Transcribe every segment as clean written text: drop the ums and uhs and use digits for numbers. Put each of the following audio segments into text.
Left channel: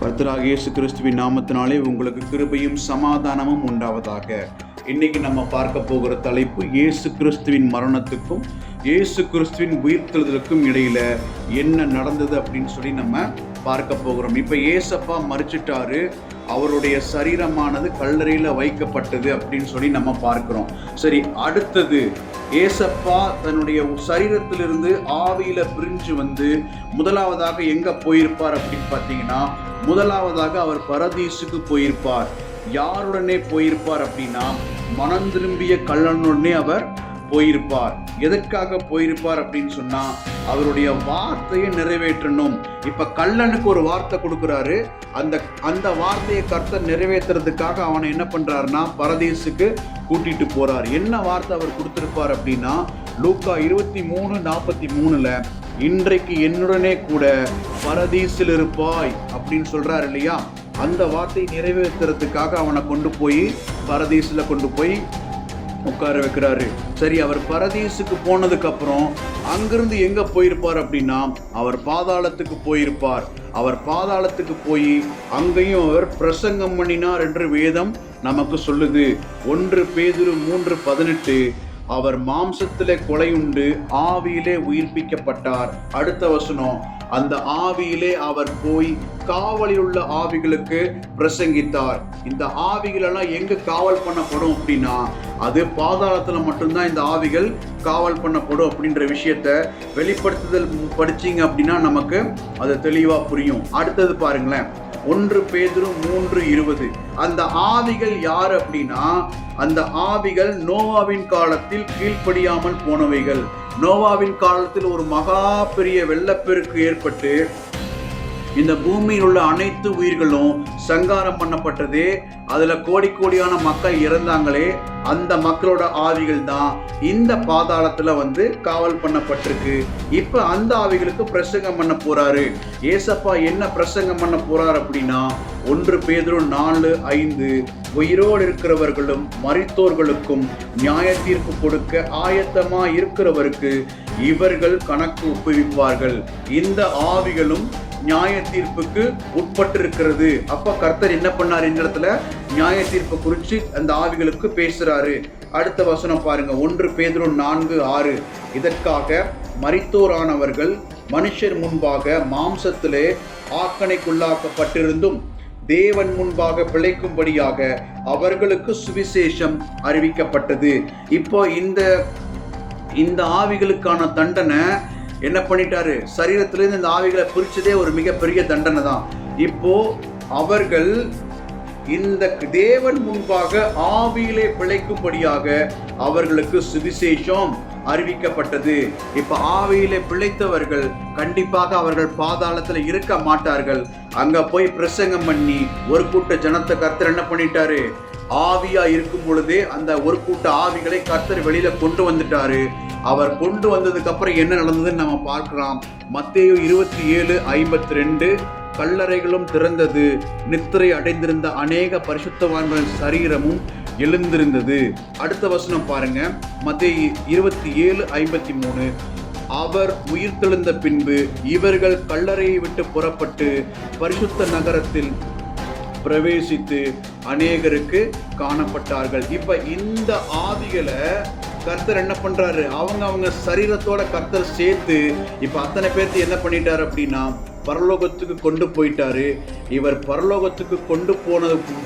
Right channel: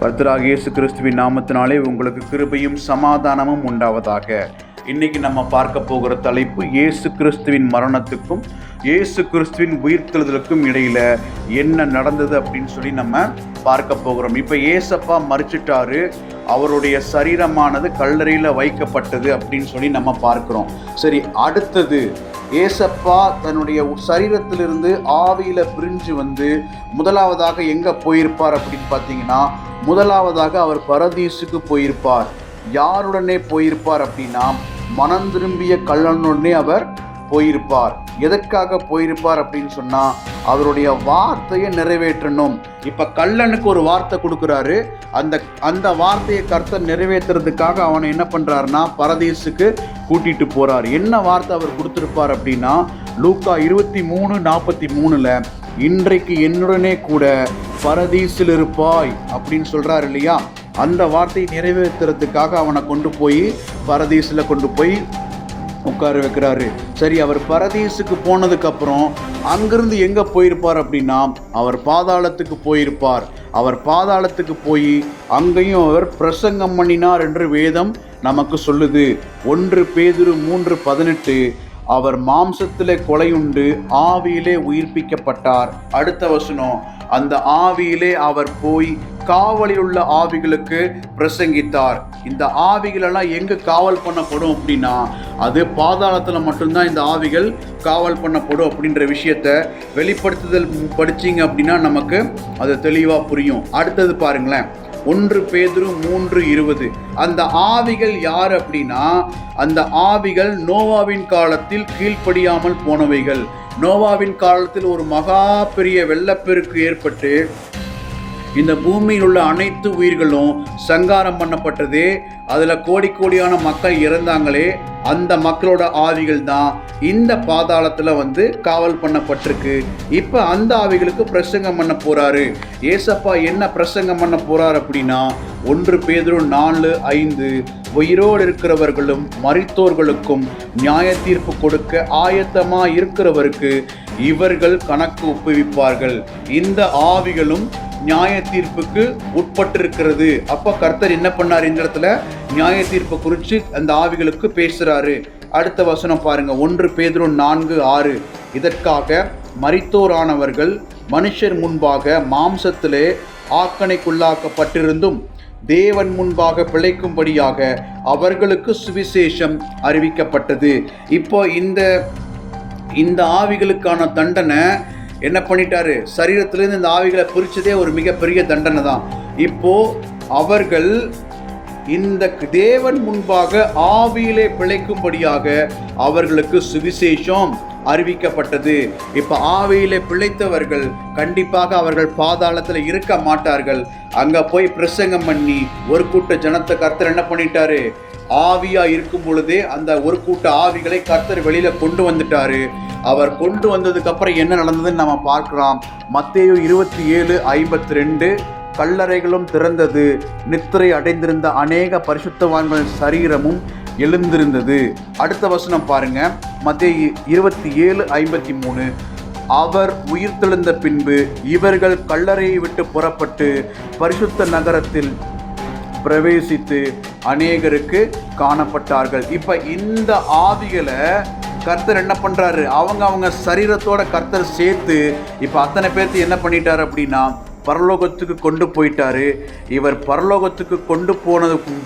கர்த்தராகிய இயேசு கிறிஸ்துவின் நாமத்தினாலே உங்களுக்கு கிருபையும் சமாதானமும் உண்டாவதாக. இன்னைக்கு நம்ம பார்க்க போகிற தலைப்பு இயேசு கிறிஸ்துவின் மரணத்துக்கும் இயேசு கிறிஸ்துவின் உயிர்த்தெழுதலுக்கும் இடையில என்ன நடந்தது அப்படின்னு சொல்லி நம்ம பார்க்க போகிறோம். இப்போ ஏசப்பா மரிச்சிட்டாரு, அவருடைய சரீரமானது கல்லறையில் வைக்கப்பட்டது அப்படின்னு சொல்லி நம்ம பார்க்கிறோம். சரி, அடுத்தது ஏசப்பா தன்னுடைய சரீரத்திலிருந்து ஆவியில பிரிஞ்சு வந்து முதலாவதாக எங்க போயிருப்பார் அப்படின்னு பார்த்தீங்கன்னா, முதலாவதாக அவர் பரதீசுக்கு போயிருப்பார். யாருடனே போயிருப்பார் அப்படின்னா, மனம் திரும்பிய கள்ளனுடனே அவர் போயிருப்பார். எதற்காக போயிருப்பார் அப்படின்னு சொன்னா, அவருடைய வார்த்தையை நிறைவேற்றணும். இப்ப கள்ளனுக்கு ஒரு வார்த்தை கொடுக்குறாரு, அந்த வார்த்தையை கர்த்தர் நிறைவேற்றுறதுக்காக அவனை என்ன பண்றாருன்னா பரதீசுக்கு கூட்டிட்டு போறார். என்ன வார்த்தை அவர் கொடுத்திருப்பார் அப்படின்னா, லூக்கா 23:43 இன்றைக்கு என்னுடனே கூட பரதீசில் இருப்பாய் அப்படின்னு சொல்றாரு இல்லையா. அந்த வார்த்தையை நிறைவேற்றுறதுக்காக அவனை கொண்டு போய் பரதீசில் கொண்டு போய் உட்கார வைக்கிறாரு. சரி, அவர் பரதீசுக்கு போனதுக்கப்புறம் அங்கிருந்து எங்கே போயிருப்பார் அப்படின்னா, அவர் பாதாளத்துக்கு போயிருப்பார். அவர் பாதாளத்துக்கு போய் அங்கேயும் அவர் பிரசங்கம் பண்ணினார் என்று வேதம் நமக்கு சொல்லுது. 1 பேதுரு 3:18 அவர் மாம்சத்திலே கொலையுண்டு ஆவியிலே உயிர்ப்பிக்கப்பட்டார். அடுத்த வசனம், அந்த ஆவியிலே அவர் போய் காவலில் உள்ள ஆவிகளுக்கு பிரசங்கித்தார். இந்த ஆவிகளெல்லாம் எங்கு காவல் பண்ணப்படும் அப்படின்னா, அது பாதாளத்தில் மட்டும்தான் இந்த ஆவிகள் காவல் பண்ணப்படும் அப்படின்ற விஷயத்த வெளிப்படுத்துதல் படிச்சிங்க அப்படின்னா நமக்கு அது தெளிவாக புரியும். அடுத்தது பாருங்களேன், 1 பேதுரு 3:20 அந்த ஆவிகள் யார் அப்படின்னா, அந்த ஆவிகள் நோவாவின் காலத்தில் கீழ்ப்படியாமல் போனவைகள். நோவாவின் காலத்தில் ஒரு மகா பெரிய வெள்ளப்பெருக்கு ஏற்பட்டு இந்த பூமியில் உள்ள அனைத்து உயிர்களும் சங்காரம் பண்ணப்பட்டது. அதில் கோடியான மக்கள் இறந்தாங்களே, அந்த மக்களோட ஆவிகள் தான் இந்த பாதாளத்தில் வந்து காவல் பண்ணப்பட்டிருக்கு. இப்போ அந்த ஆவிகளுக்கு பிரசங்கம் பண்ண போறாரு. ஏசப்பா என்ன பிரசங்கம் பண்ண போறார் அப்படின்னா, 1 பேதுரு 4:5 உயிரோடு இருக்கிறவர்களும் மரித்தோர்களுக்கும் நியாய தீர்ப்பு கொடுக்க ஆயத்தமா இருக்கிறவருக்கு இவர்கள் கணக்கு ஒப்புவிப்பார்கள். இந்த ஆவிகளும் நியாய தீர்ப்புக்கு உட்பட்டிருக்கிறது. அப்ப கர்த்தர் என்ன பண்ணார், இந்த இடத்துல நியாய தீர்ப்பு குறித்து அந்த ஆவிகளுக்கு பேசுறாரு. அடுத்த வசனம் பாருங்க, 1 பேதுரு 4:6 இதற்காக மரித்தோரானவர்கள் மனுஷர் முன்பாக மாம்சத்திலே ஆக்கணைக்குள்ளாக்கப்பட்டிருந்தும் தேவன் முன்பாக பிழைக்கும்படியாக அவர்களுக்கு சுவிசேஷம் அறிவிக்கப்பட்டது. இப்போ இந்த ஆவிகளுக்கான தண்டனை என்ன பண்ணிட்டாரு, சரீரத்திலிருந்து இந்த ஆவிகளை பிரிச்சதே ஒரு மிகப்பெரிய தண்டனை தான். இப்போ அவர்கள் இந்த தேவன் முன்பாக ஆவியிலே பிழைக்கும்படியாக அவர்களுக்கு சுவிசேஷம் அறிவிக்கப்பட்டது. இப்ப ஆவியிலே பிழைத்தவர்கள் கண்டிப்பாக அவர்கள் பாதாளத்தில் இருக்க மாட்டார்கள். அங்க போய் பிரசங்கம் பண்ணி ஒரு கூட்ட ஜனத்தை கர்த்தர் என்ன பண்ணிட்டாரு, ஆவியா இருக்கும் பொழுதே அந்த ஒரு கூட்ட ஆவிகளை கர்த்தர் வெளியில கொண்டு வந்துட்டாரு. அவர் கொண்டு வந்ததுக்கு அப்புறம் என்ன நடந்ததுன்னு நம்ம பார்க்கலாம். மத்தேயு 27:52 கல்லறைகளும் திறந்தது, நித்திரை அடைந்திருந்த அநேக பரிசுத்தவான்களின் சரீரமும் எழுந்திருந்தது. அடுத்த வசனம் பாருங்க, மத்தேயு 27:53 அவர் உயிர்த்தெழுந்த பின்பு இவர்கள் கல்லறையை விட்டு புறப்பட்டு பரிசுத்த நகரத்தில் பிரவேசித்து அநேகருக்கு காணப்பட்டார்கள். இப்ப இந்த ஆவிகளை கர்த்தர் என்ன பண்றாரு, அவங்க சரீரத்தோட கர்த்தர் சேர்த்து இப்ப அத்தனை பேர்த்து என்ன பண்ணிட்டாரு அப்படின்னா பரலோகத்துக்கு கொண்டு போயிட்டாரு. இவர் பரலோகத்துக்கு கொண்டு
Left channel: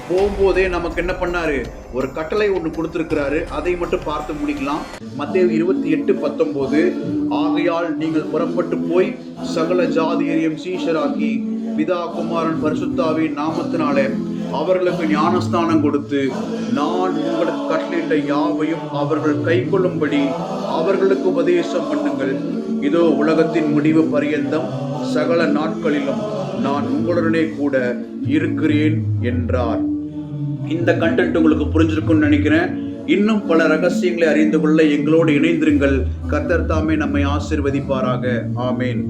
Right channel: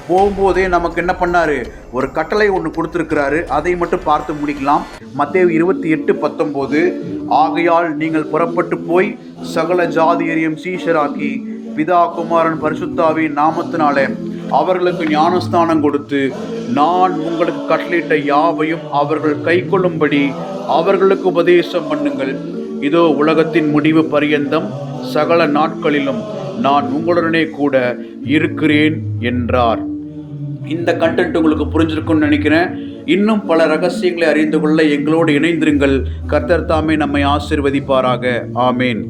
போகும்போதே நமக்கு என்ன பண்ணாரு, ஒரு கட்டளை ஒன்று கொடுத்துருக்கிறாரு. அதை மட்டும் பார்த்து முடிக்கலாம். மத்தேயு 28:19 ஆகையால் நீங்கள் புறப்பட்டு போய் சகல ஜாதியரையும் சீஷராக்கி பிதா குமாரன் பரிசுத்தாவின் நாமத்தினாலே அவர்களுக்கு ஞானஸ்தானம் கொடுத்து நான் உங்களுக்கு கட்டளையிட்ட யாவையும் அவர்கள் கைக்கொள்ளும்படி அவர்களுக்கு உபதேசம் பண்ணுங்கள். இதோ உலகத்தின் முடிவு பரியந்தம் சகல நாட்களிலும் நான் உங்களுடனே கூட இருக்கிறேன் என்றார். இந்த கண்டென்ட் உங்களுக்கு புரிஞ்சிருக்கும்னு நினைக்கிறேன். இன்னும் பல ரகசியங்களை அறிந்து கொள்ள எங்களோடு இணைந்திருங்கள். கர்த்தர் தாமே நம்மை ஆசீர்வதிப்பாராக. ஆமேன்.